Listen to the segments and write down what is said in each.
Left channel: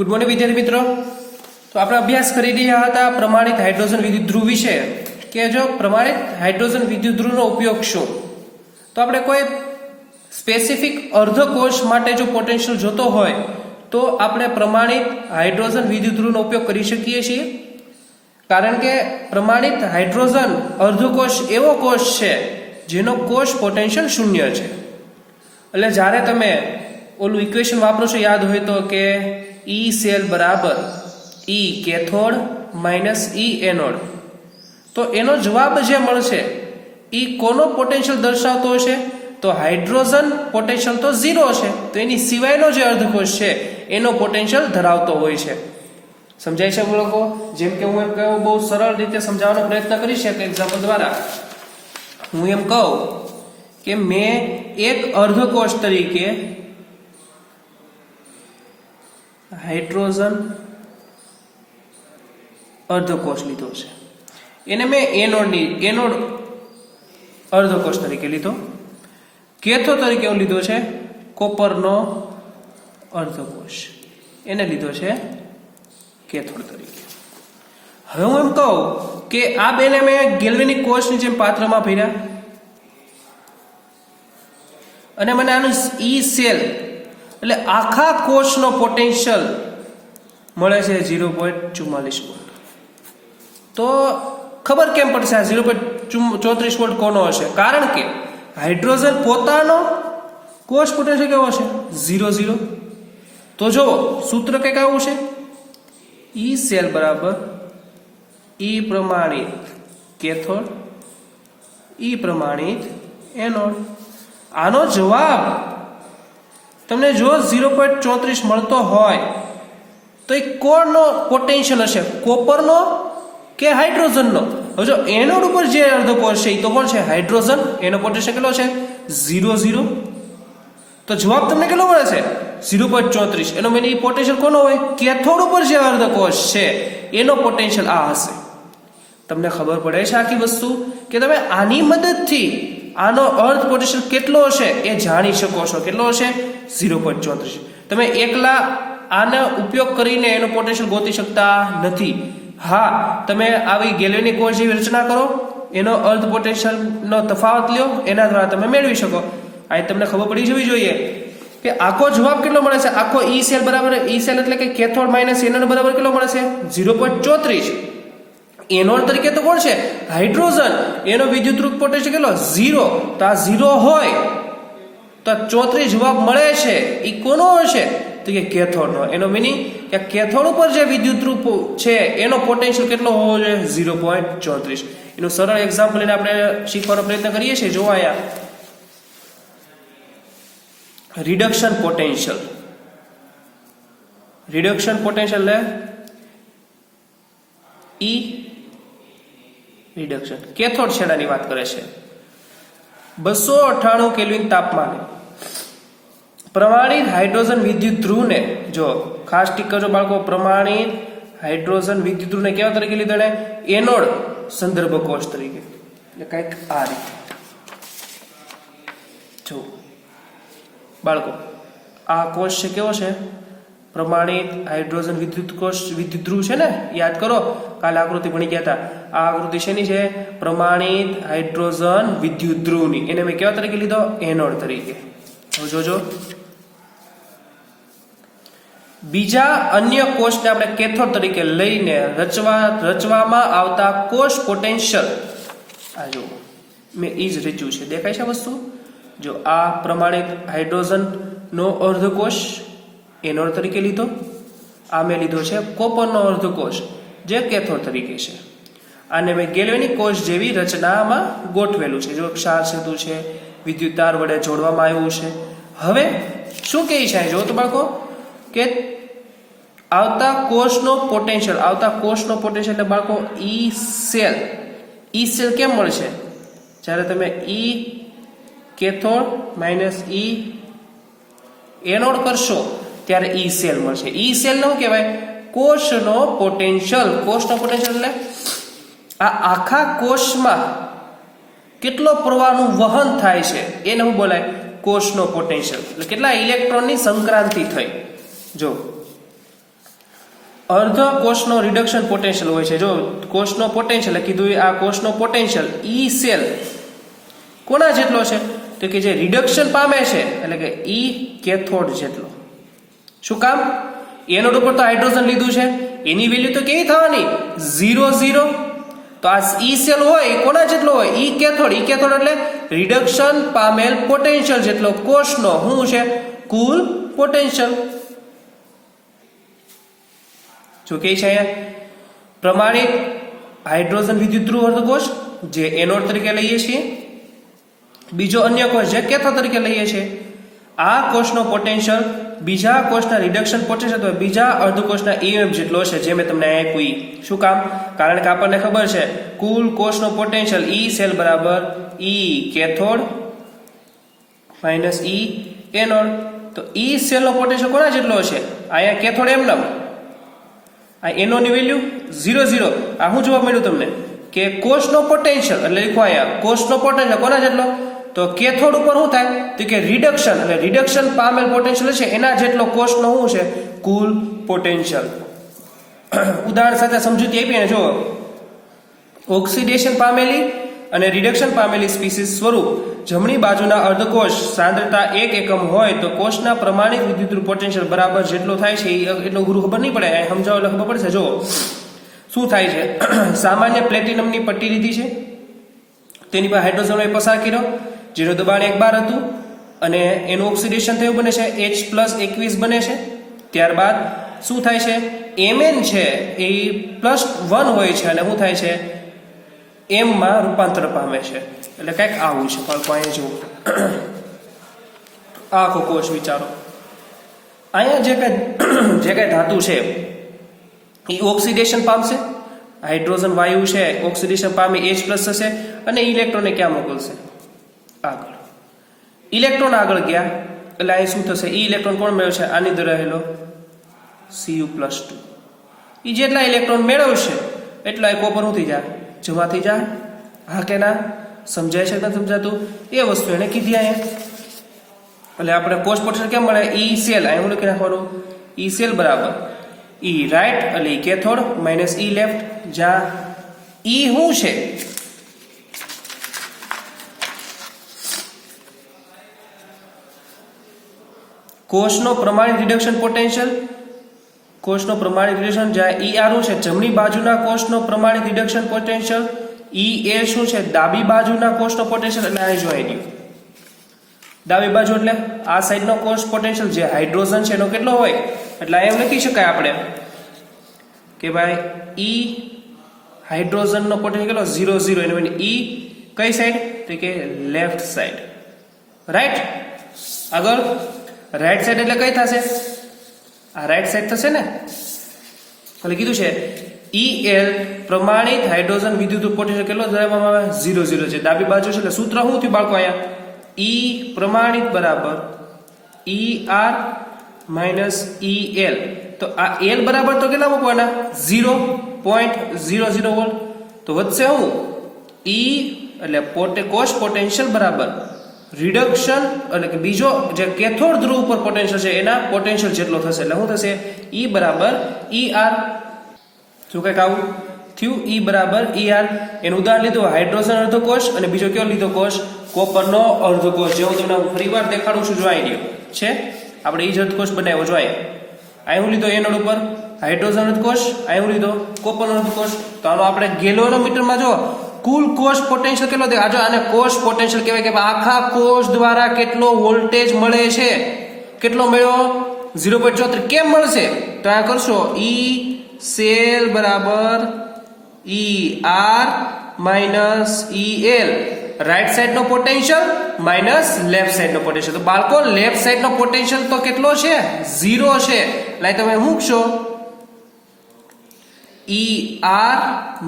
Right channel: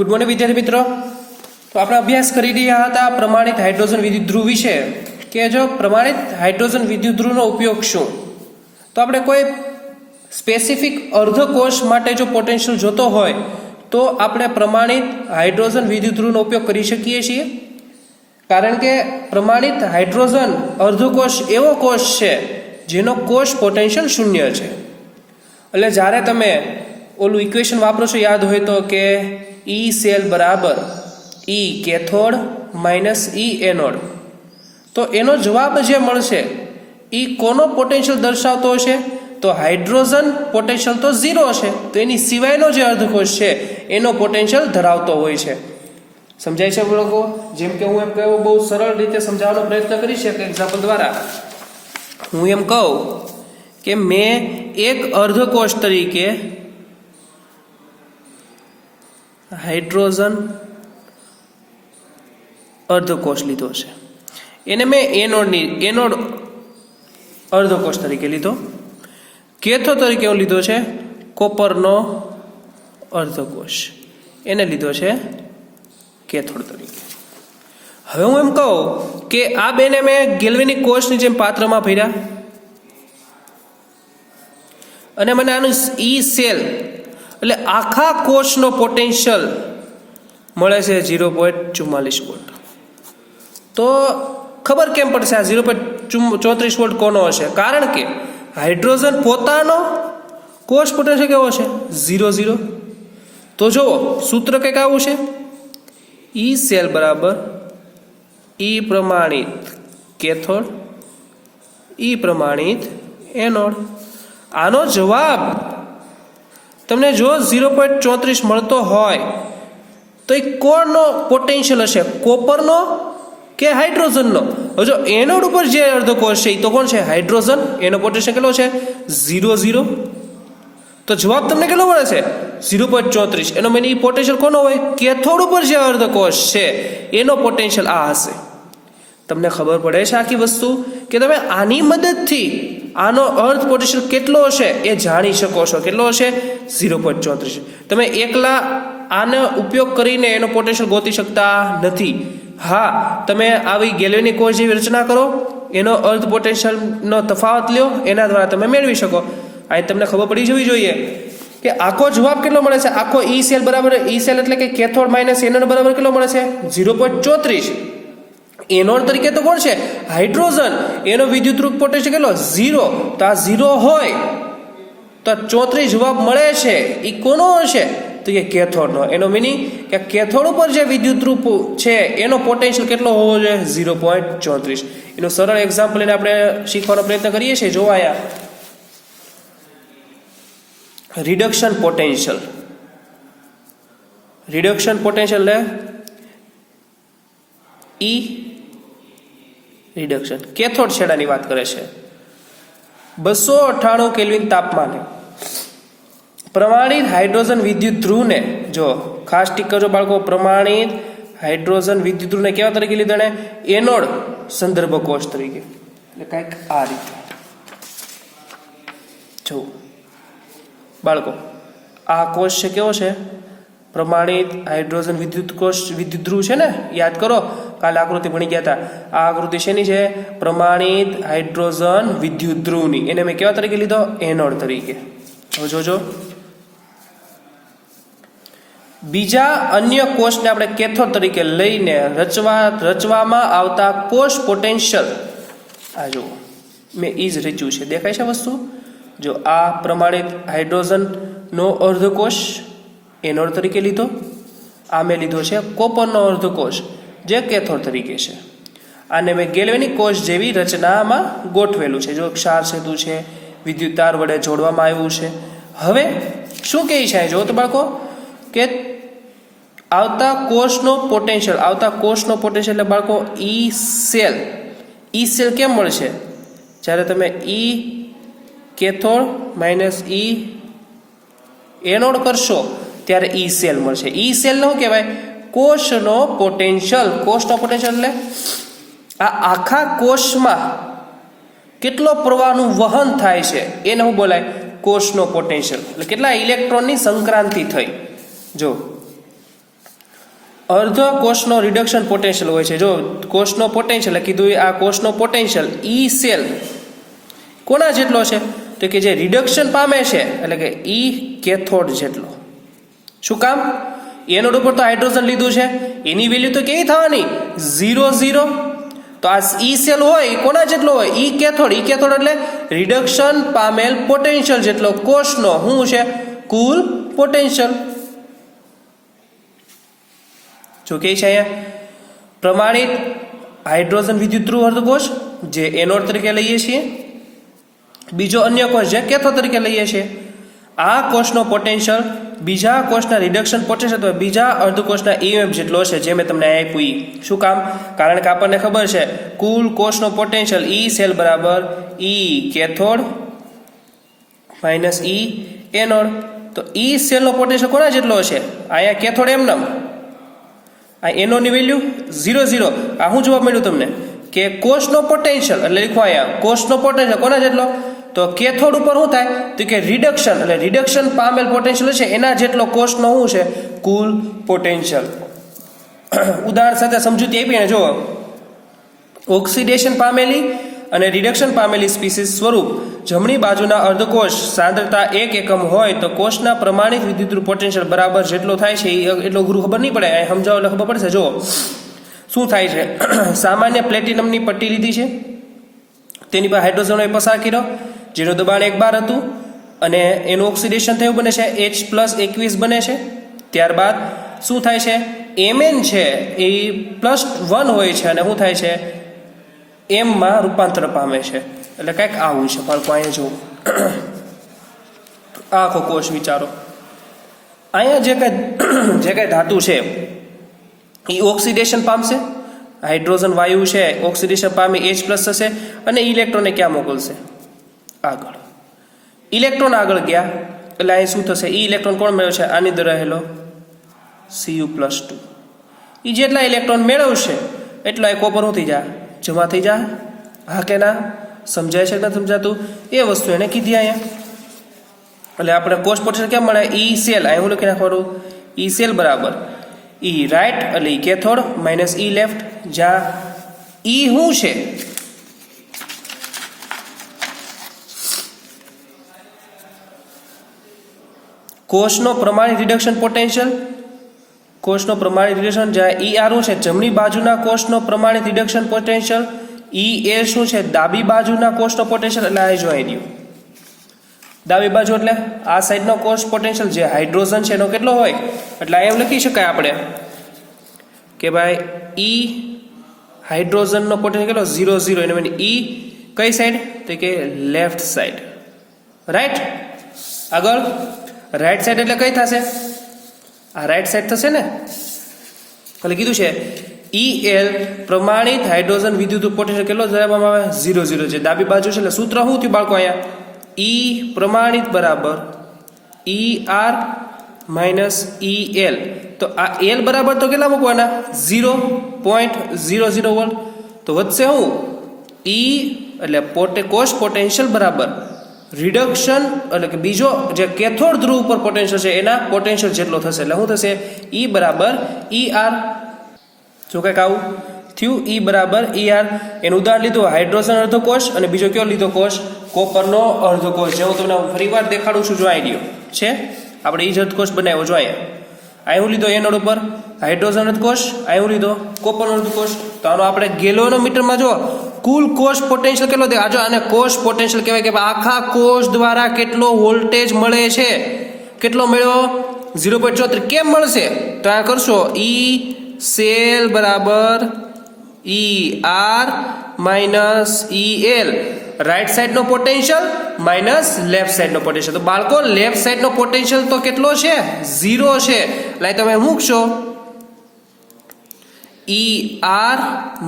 Good morning વિદ્યાર્થી મિત્રો। તો આપણે અભ્યાસ કરી રહ્યા હતા પ્રમાણિત હાઇડ્રોજન વિદ્યુત ધ્રુવ વિશે કે જો પ્રમાણિત હાઇડ્રોજન વિદ્યુત ધ્રુવનો ઉપયોગ શું। તો આપણે કોઈ સ્પેસિફિક અર્ધકોષ માટે જો પોટેન્શિયલ જોતો હોય તો આપણે પ્રમાણિત હાઇડ્રોજન વિદ્યુત ધ્રુવનો ઉપયોગ કરી શકીએ છીએ, કારણ કે પ્રમાણિત હાઇડ્રોજન અર્ધકોષ એવો કોષ છે જેનો કોષ પોટેન્શિયલ શૂન્ય છે। એટલે જ્યારે તમે ઓલું ઇક્વેશન વાપરો છો, યાદ હોય તો કે ઈ સેલ બરાબર ઈ કેથોડ માઇનસ ઈ એનોડ, તો એનો જવાબ જે મળશે એ કોનો પોટેન્શિયલ દર્શાવતો હશે? તો હાઇડ્રોજન પોટેન્શિયલ તો 0 છે, તો એની સિવાયનો જે અર્ધકોષ છે એનો પોટેન્શિયલ ધરાવતો હોય છે। સમજાય છે લોકો? જેમ કે હું એમ કહું, બહુ સરળ રીતે સમજાવવાનો પ્રયત્ન કરી શકે એક્ઝામ્પલ દ્વારા। હું એમ કહું કે મેં એક અર્ધકોષ તરીકે હાઇડ્રોજન અર્ધકોષ લીધો છે, એને મેં એનોડ અર્ધકોષ તરીકે લીધો, કેથોડ તરીકે હું લીધો છે કોપરનો અર્ધકોષ, એને લીધો છે કેથોડ તરીકે। હવે હું એમ કહું કે આ બેને મેં ગેલ્વેનિક કોષની જેમ પાત્રમાં ભર્યા અને મને આનું ઈ સેલ એટલે આખા કોષનો પોટેન્શિયલ મળે છે 0.44 વોલ્ટ। તો ખબર કેમ પડશે આ 0.34 વોલ્ટ કોનો હશે? કારણ કે હાઇડ્રોજન પોતાનો કોષ પોટેન્શિયલ કેવો છે? 0 0। તો જો સૂત્ર કંઈક આવું છે, ઈ સેલ બરાબર ઈ પ્રમાણિત કેથોડ ઈ પ્રમાણિત એનોડ। આનો જવાબ તમને જો 0.34 મળતો હોય તો એ કોનો પોટેન્શિયલ હશે? કોપરનો કે હાઇડ્રોજનનો? હવે જો એનોડ ઉપર જે અર્ધકોષ છે એ તો કોણ છે? હાઇડ્રોજન। એનો પોટેન્શિયલ કેટલો છે? 0 0। તો જવાબ તમને કેટલો મળે છે? 0.34। એનો મીનિંગ પોટેન્શિયલ કોનો હોય? કેથોડ ઉપર જે અર્ધકોષ છે એનો પોટેન્શિયલ આ હશે। તમને ખબર પડે છે આખી વસ્તુ કે તમે આની મદદથી આનો અર્ધ પોટેન્શિયલ કેટલો હશે એ જાણી શકો છો। કેટલો હશે? 0.34। તમે એકલા આનો ઉપયોગ કરીને એનો પોટેન્શિયલ ગોતી શકતા નથી। હા, તમે આવી ગેલ્વેનિક કોષ જેવી રચના કરો, એનો અર્ધ પોટેન્શિયલનો તફાવત લ્યો, એના દ્વારા તમે મેળવી શકો। આ તમને ખબર પડી જવી જોઈએ કે આખો જવાબ કેટલો મળે છે? આખો ઈ સેલ બરાબર ઈ સેલ એટલે કે કેથોડ માઇનસ એનોડ બરાબર કેટલો મળે છે? 0.34। એનોડ તરીકે તો કોણ છે? હાઇડ્રોજન। એનો વિદ્યુતરૂપ પોટેન્શિયલ કેટલો? 0। તો આ 0 હોય તો 34 જવાબ મળે છે એ કોનો હશે? તો કે કેથોડનો। એનો મીનિંગ કે કેથોડ ઉપર જે વિદ્યુતરૂપ છે એનો પોટેન્શિયલ કેટલો હોવો જોઈએ? 0.34। એનું સરળ એક્ઝામ્પલ લઈને આપણે શીખવાનો પ્રયત્ન કરીએ છીએ। જો આયા રિડક્શન પોટેન્શિયલ એટલે ઈ રિડક્શન કેથોડ છેડાની વાત કરે છે। 298 કેલ્વિન તાપમાને પ્રમાણિત હાઇડ્રોજન વિદ્યુત ધ્રુવને, જો ખાસ ટીક કરજો બાળકો, પ્રમાણિત હાઇડ્રોજન વિદ્યુત ધ્રુવને કેવા તરીકે લીધો? ને એનોડ સંદર્ભ કોષ તરીકે। એટલે કંઈક આ રીતે જો બાળકો, આ કોષ છે કેવો છે? પ્રમાણિત હાઇડ્રોજન વિદ્યુત ધ્રુવ છે ને, યાદ કરો કાલે આકૃતિ ભણી ગયા હતા। આ આકૃતિ શેની છે? પ્રમાણિત હાઇડ્રોજન વિદ્યુત ધ્રુવની। એને મેં કેવા તરીકે લીધો? એનોડ તરીકે। હવે જોજો, બીજા અન્ય કોષને આપણે કેથોડ તરીકે લઈને રચવામાં આવતા કોષ પોટેન્શિયલ, આ જો મેં ઈ જ રચ્યું છે, દેખાય છે વસ્તુ? જો આ પ્રમાણિત હાઇડ્રોજન નો અર્ધકોષ એનોડ તરીકે લીધો, આ મેં લીધો છે કોપરનો અર્ધકોષ જે કેથોડ તરીકે છે। આને મેં ગેલ્વેનિક કોષ જેવી રચનામાં ગોઠવેલું છે। જો ક્ષાર સેતુ છે, વિદ્યુત તાર વડે જોડવામાં આવ્યું છે। હવે શું કહે છે? જો તો બાળકો કે આવતા કોષનો પોટેન્શિયલ એટલે બાળકો ઈ સેલ કેમ મળશે? જ્યારે તમે ઈ કેથોડ માઇનસ ઈ એનોડ કરશો ત્યારે ઈ સેલ મળશે। ઈ સેલ નો કહેવાય? કોષનો પોટેન્શિયલ એટલે આ આખા કોષમાં કેટલો પ્રવાહનું વહન થાય છે એને હું બોલાય? કોષનો પોટેન્શિયલ। એટલે કેટલા ઇલેક્ટ્રોનની સંક્રાંતિ થઈ। જો અર્ધ કોષનો રિડક્શન પોટેન્શિયલ હોય છે. જો કોષનો પોટેન્શિયલ કીધું, આ કોષનો પોટેન્શિયલ ઈ સેલ કોના જેટલો છે? તો કે જે રિડક્શન પામે છે એટલે કે ઈ કેથોડ જેટલો. શું કામ? એનોડ ઉપર તો હાઇડ્રોજન લીધું છે, એની વેલ્યુ તો કેવી થવાની? 0 0. તો આ ઈ સેલ હોય કોના જેટલો હોય? ઈ કેથોડ. ઈ કેથોડ એટલે રિડક્શન પામેલ પોટેન્શિયલ જેટલો કોષનો શું છે? કુલ પોટેન્શિયલ. જો કે છે અહીંયા પ્રમાણિત હાઇડ્રોજન વિદ્યુતધ્રુવ અર્ધકોષ જે એનોડ તરીકે લઈએ છીએ, બીજો અન્ય કોષ જે કેથોડ તરીકે લઈએ છીએ. આ કોષનો પોટેન્શિયલ બીજા કોષના રિડક્શન પોટેન્શિયલ અથવા બીજા અર્ધકોષના EMF જેટલો છે, જે મેં તમને આપ્યું. શું કામ? કારણ કે આપણને ખબર છે કુલ કોષનો પોટેન્શિયલ ઈ સેલ બરાબર ઈ કેથોડ માઇનસ ઈ એનોડ. તો ઈ સેલનો પોટેન્શિયલ કોના જેટલો છે? અહીંયા કેથોડ એમ આ એનોડની વેલ્યુ 0 0. આ શું જવાબ મળ્યું તમને? કે કોષનો પોટેન્શિયલ એટલે લખો અહીંયા કોષનો પોટેન્શિયલ કોના જેટલો? તો કેથોડ ઉપર શું થાય? તો કે રિડક્શન એટલે રિડક્શન પામેલ પોટેન્શિયલ છે એના જેટલો કોષનો શું છે? કુલ પોટેન્શિયલ. ઉદાહરણ સાથે સમજૂતી આપીને જો ઓક્સિડેશન પામેલી અને રિડક્શન પામેલી સ્પીસીસ સ્વરૂપ જમણી બાજુના અર્ધકોષ સાંદ્રતા 1 એકમ હોય તો કોષના પ્રમાણિત વિદ્યુતધ્રુવ પોટેન્શિયલ બરાબર જેટલો થાય છે. એટલો ગુરુ ખબર નહીં પડે, સમજાવો એટલે ખબર પડશે. જો શું થાય છે? સામાન્ય પ્લેટિનમની પટ્ટી લીધી છે, તેની પર હાઇડ્રોજન પસાર કર્યો, જેનું દબાણ 1 બાર હતું અને એનું ઓક્સિડેશન થયું બને છે H+21 બને છે. ત્યારબાદ શું થાય છે? Mn છે એ +1 હોય છે અને શું થાય છે? M માં રૂપાંતર પામે છે. એટલે કંઈક આવું છે. બાળકો અહીંયા જુઓ, આખો કોષ વિચારો. અહીંયા જે કઈ ધાતુ છે એ ઓક્સિડેશન પામશે, હાઇડ્રોજન વાયુ છે ઓક્સિડેશન પામી H+ થશે અને ઇલેક્ટ્રોનને ક્યાં મોકલશે? આગળ. ઇલેક્ટ્રોન આગળ ગયા એટલે અહીં શું થશે? ઇલેક્ટ્રોન કોણ મેળવે છે? આની અંદર રહેલો Cu+2. એ જેટલા ઇલેક્ટ્રોન મેળવશે એટલા કોપર શું થઈ જાય? જમા થઈ જાય. હા કે ના? સમજાય છે કે નથી સમજાતું? એ વસ્તુ એને કીધી અહીંયા. એટલે આપણે કોષ પોટેન્શિયલ કેમ મળે? ઈ સેલ. અહીં હું લખી નાખવાનું ઈ સેલ બરાબર ઈ રાઈટ એટલે ઈ કેથોડ માઇનસ ઈ લેફ્ટ. જ્યાં ઈ શું છે? કોષનો પ્રમાણિત રિડક્શન પોટેન્શિયલ. કોષનો પ્રમાણિત રિડક્શન જ્યાં ઈ આર શું છે? જમણી બાજુના કોષનો પ્રમાણિત રિડક્શન પોટેન્શિયલ. ઈ એ શું છે? ડાબી બાજુના કોષનો પોટેન્શિયલ. એટલે આ જોઈ ગયું. ડાબી બાજુ એટલે આ સાઈડનો કોષ પોટેન્શિયલ જે હાઇડ્રોજન છે એનો કેટલો હોય? એટલે એમ લખી શકાય આપણે કે ભાઈ ઈ હાઇડ્રોજનનો પોટેન્શિયલ કેટલો? 0 0. એટલે ઈ કઈ સાઈડ? તો કે લેફ્ટ સાઈડ. રાઈટ. આગળ રાઈટ સાઈડ એટલે કઈ થશે? આ રાઈટ સાઈડ થશે ને. એટલે કીધું છે EL પ્રમાણિત હાઇડ્રોજન વિદ્યુત પોટેન્શિયલ કેટલો ધરાવવામાં આવે? 0 0 છે. ડાબી બાજુ છે એટલે સૂત્ર શું થયું બાળકો? અહીંયા E પ્રમાણિત બરાબર ER માઇનસ EL. તો આ L બરાબર તો કેટલા મૂકવાના? 0.00 વોલ્ટ. તો વધશે શું? E એટલે કોષ પોટેન્શિયલ બરાબર રિડક્શન એટલે કે બીજો જે કેથોડ ધ્રુવ ઉપર પોટેન્શિયલ છે એના પોટેન્શિયલ જેટલો થશે. એટલે શું થશે? E બરાબર ER. જો કંઈક આવું થયું. E બરાબર ER. એનું ઉદાહરણ લીધું હાઇડ્રોજન અર્ધકોષ અને બીજો કયો લીધો કોષ? કોપરનો અર્ધકોષ. જે હું તમને ફરીવાર દેખાડું છું. જોઈ ગયો છે આપણે એ જ અર્ધકોષ બનાવ્યો. જોઈએ અહીં હું લીધો એનોડ ઉપર હાઇડ્રોજન અર્ધકોષ, અહીં હું લીધો કોપરનો અર્ધકોષ. તો આનો આપણે ગેલોનોમીટરમાં જો કુલ કોષ પોટેન્શિયલ કેટલો દેખાય? જો આને કોષ પોટેન્શિયલ કહેવાય કે આખા કોષ દ્વારા કેટલો વોલ્ટેજ મળે છે. કેટલો મળ્યો? 0.34. કેમ મળશે? તો આ કરશો ઈ સેલ બરાબર ER માઇનસ EL. રાઈટ સાઈડનો પોટેન્શિયલ માઇનસ લેફ્ટ સાઈડનો પોટેન્શિયલ. તો બાળકો લેફ્ટ સાઈડનો પોટેન્શિયલ તો કેટલો છે? 0 છે. એટલે તમે મૂકશો ER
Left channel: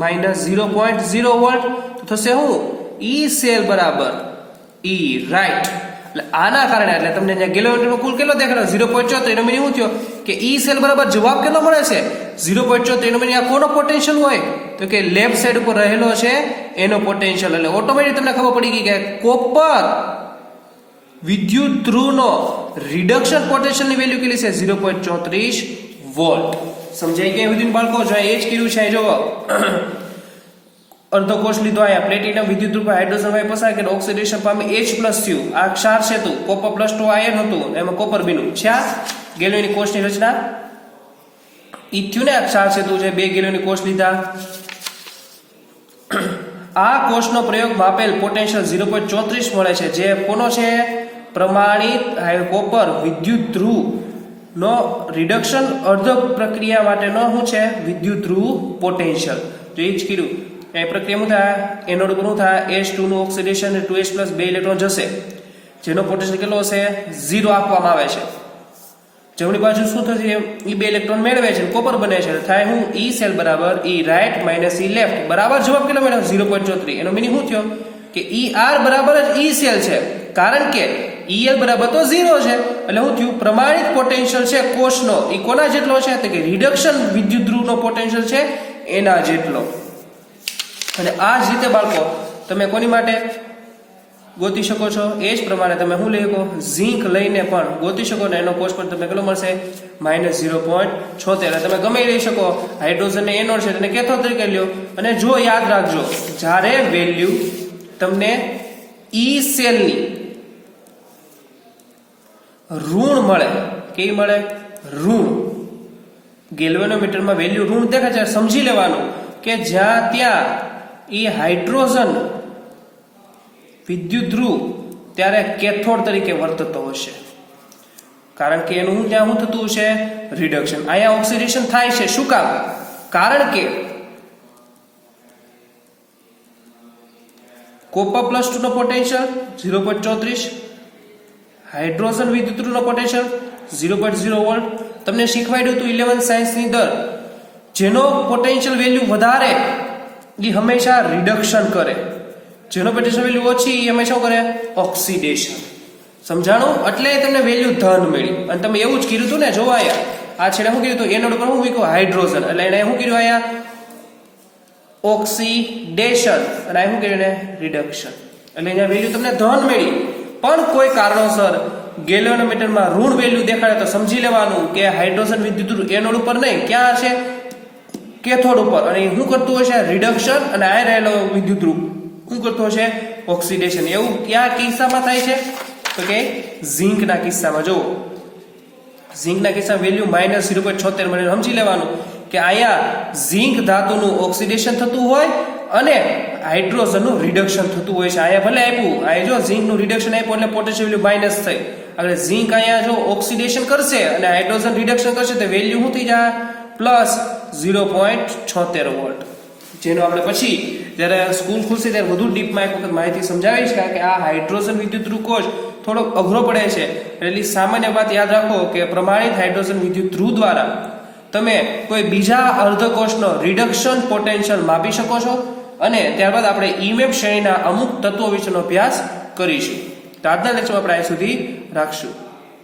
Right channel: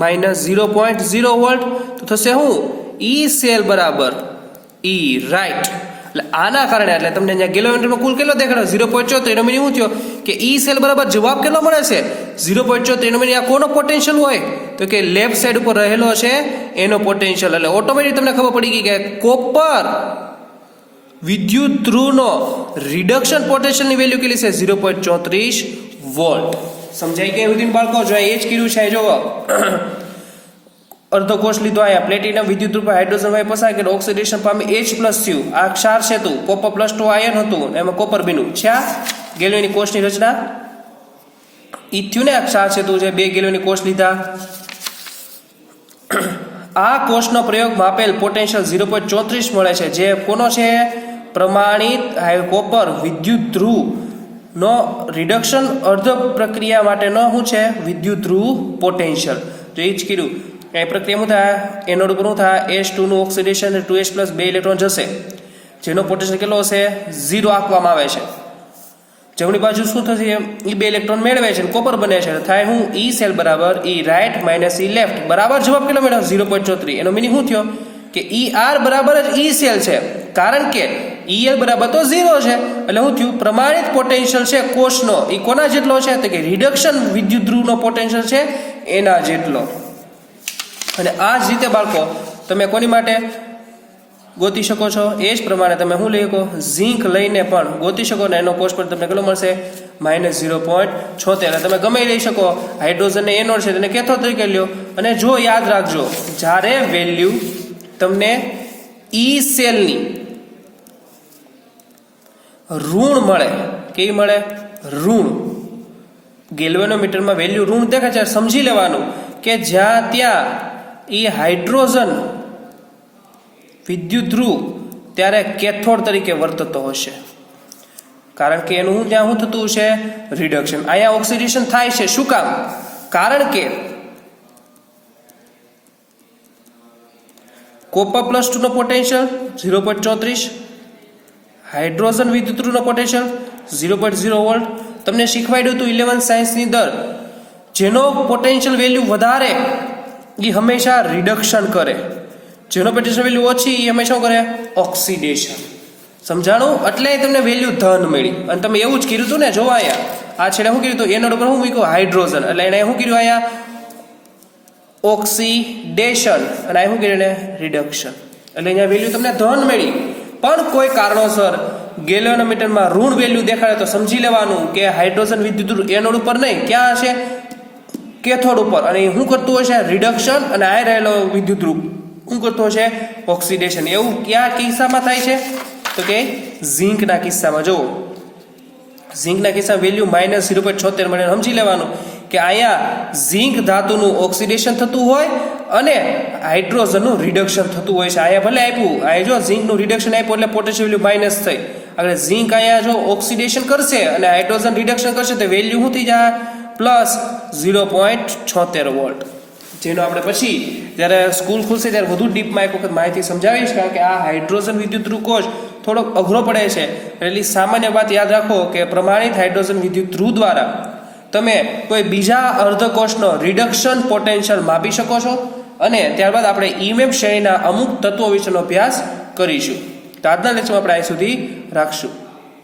માઇનસ 0.0 વોલ્ટ. તો થશે શું? ઈ સેલ બરાબર ઈ રાઈટ. એટલે આના કારણે એટલે તમને અહીંયા ગેલોમીટરનો કુલ કેટલો દેખાડો? 0.34. એનો મીનિંગ શું થયો કે ઈ સેલ બરાબર જવાબ કેટલો મળે છે? 0.34. એનો મીનિંગ આ કોનો પોટેન્શિયલ હોય? તો કે લેફ્ટ સાઈડ ઉપર રહેલો છે એનો પોટેન્શિયલ. એટલે ઓટોમેટિક તમને ખબર પડી ગઈ કે કોપર વિદ્યુત ધ્રુવનો રિડક્શન પોટેન્શિયલની વેલ્યુ કેટલી છે? 0.34 વોલ્ટ. સમજાય કે વિધિન બાળકો જો એ જ કર્યું છે જો અર્ધો કોષ લીધો આયા પ્લેટિનમ વિદ્યુત રૂપે હાઇડ્રોજન વાયુ પસાર કરી ઓક્સિડેશન પામી H+ થયું આ ક્ષાર સેતુ કોપર +2 આયન હતું એમાં કોપર બન્યું છે ગેલિયોની કોષની રચના ઈ થયું ને આ ક્ષાર સેતુ છે 2 ગેલિયોની કોષ લીધા આ કોષનો પ્રયોગ માપેલ પોટેન્શિયલ 0.34 મળે છે જે કોનો છે પ્રમાણિત કોપર વિદ્યુત ધ્રુવ નો રિડક્શન અર્ધ પ્રક્રિયા માટેનો શું છે વિદ્યુત ધ્રુવ પોટેન્શિયલ તો એ જ કીધું એ પ્રક્રિયા શું થાય એનોડ ઉપર શું થાય H2 નું ઓક્સિડેશન 2H+ 2 ઇલેક્ટ્રોન જશે જેનો પોટેન્શિયલ કેટલો હશે 0 આપવામાં આવે છે જમણી બાજુ શું થશે એ 2 ઇલેક્ટ્રોન મેળવે છે કોપર બને છે થાય હું E સેલ બરાબર E right minus E left બરાબર જવાબ કેટલો મેળવ્યો 0.34 એનો મીનિંગ શું થયો કે ER બરાબર જ E સેલ છે કારણ કે EL બરાબર તો 0 છે એટલે શું થયું પ્રમાણિત પોટેન્શિયલ છે કોષનો એ કોના જેટલો છે તો કે રિડક્શન વિદ્યુત ધ્રુવનો પોટેન્શિયલ છે એના જેટલો અને આ જ રીતે બાળકો તમે કોની માટે ગોતી શકો છો એ જ પ્રમાણે તમે શું લઈ શકો ઝીંક લઈને પણ ગોતી શકો ને એનો કોષ પર તમને કેટલો મળશે -0.76 તમે ગમે લઈ શકો હાઇડ્રોજન ને એનોડ છે તેને કેથોડ તરીકે લ્યો અને જો યાદ રાખજો જ્યારે વેલ્યુ તમને ઈ સેલની ઋણ મળે કેવી મળે ઋણ ગેલ્વેનોમીટરમાં વેલ્યુ ઋણ દેખાય છે સમજી લેવાનું કે જ્યાં ત્યાં એ હાઇડ્રોજન વિદ્યુત ધ્રુવ ત્યારે કેથોડ તરીકે વર્તતો હશે કારણ કે એનું ત્યાં શું થતું છે રિડક્શન અહીંયા ઓક્સિડેશન થાય છે શું કામ કારણ કે કોપર +2 નો પોટેન્શિયલ 0.34 હાઇડ્રોજન વિદ્યુત ધ્રુવનો પોટેન્શિયલ 0.0 વોલ્ટ તમને શીખવાડ્યું હતું 11 સાયન્સની અંદર જેનો પોટેન્શિયલ વેલ્યુ વધારે એ હંમેશા રિડક્શન કરે જેનો પોટેન્શિયલ વેલ્યુ ઓછી એ હંમેશા કરે ઓક્સિડેશન સમજાણું એટલે તમને વેલ્યુ ધન મળી અને તમે એવું જ કીધું હતું ને જોવાયા આ છેડે શું કીધું હતું એનોડ ઉપર શું મૂક્યું હાઇડ્રોજન એટલે એને શું કીધું આયા ઓક્સિડેશન અને આ શું કીધું એને રિડક્શન એટલે એની વેલ્યુ તમને ધન મળી પણ કોઈ કારણોસર ગેલિયોનોમીટરમાં ઋણ વેલ્યુ દેખાડે તો સમજી લેવાનું કે હાઇડ્રોજન વિદ્યુત એનોડ ઉપર નહીં ક્યાં હશે કેથોડ ઉપર અને શું કરતું હશે રિડક્શન અને આ રહેલો વિદ્યુત ધ્રુવ શું કરતો હશે ઓક્સિડેશન એવું કયા કિસ્સામાં થાય છે તો કે ઝીંકના કિસ્સામાં જો ઝીંકના કિસ્સામાં વેલ્યુ -0.76 મને સમજી લેવાનું કે અહીંયા ઝીંક ધાતુનું ઓક્સિડેશન થતું હોય અને હાઇડ્રોજનનું રિડક્શન થતું હોય છે અહીંયા ભલે આપ્યું અહીંયા જો ઝીંકનું રિડક્શન આપ્યું એટલે પોટેન્શિયલ વેલ્યુ માઇનસ થઈ એટલે ઝીંક અહીંયા જો ઓક્સિડેશન કરશે અને હાઇડ્રોજન રિડક્શન કરશે તો વેલ્યુ શું થઈ જાય +0.76 વોલ્ટ જેનો આપણે પછી જ્યારે સ્કૂલ ખુલશે ત્યારે વધુ ડીપમાં એક વખત માહિતી સમજાવીશ કારણ કે આ હાઇડ્રોજન વિદ્યુત ધ્રુવ કોષ થોડો અઘરો પડે છે એટલે સામાન્ય વાત યાદ રાખો કે પ્રમાણિત હાઇડ્રોજન વિદ્યુત ધ્રુવ દ્વારા તમે કોઈ બીજા અર્ધકોષનો રિડક્શન પોટેન્શિયલ માપી શકો છો અને ત્યારબાદ આપણે ઈમેપ શ્રેણીના અમુક તત્વો વિશેનો અભ્યાસ કરીશું તો આજના લેક્ચરમાં આપણે અહીં સુધી રાખશું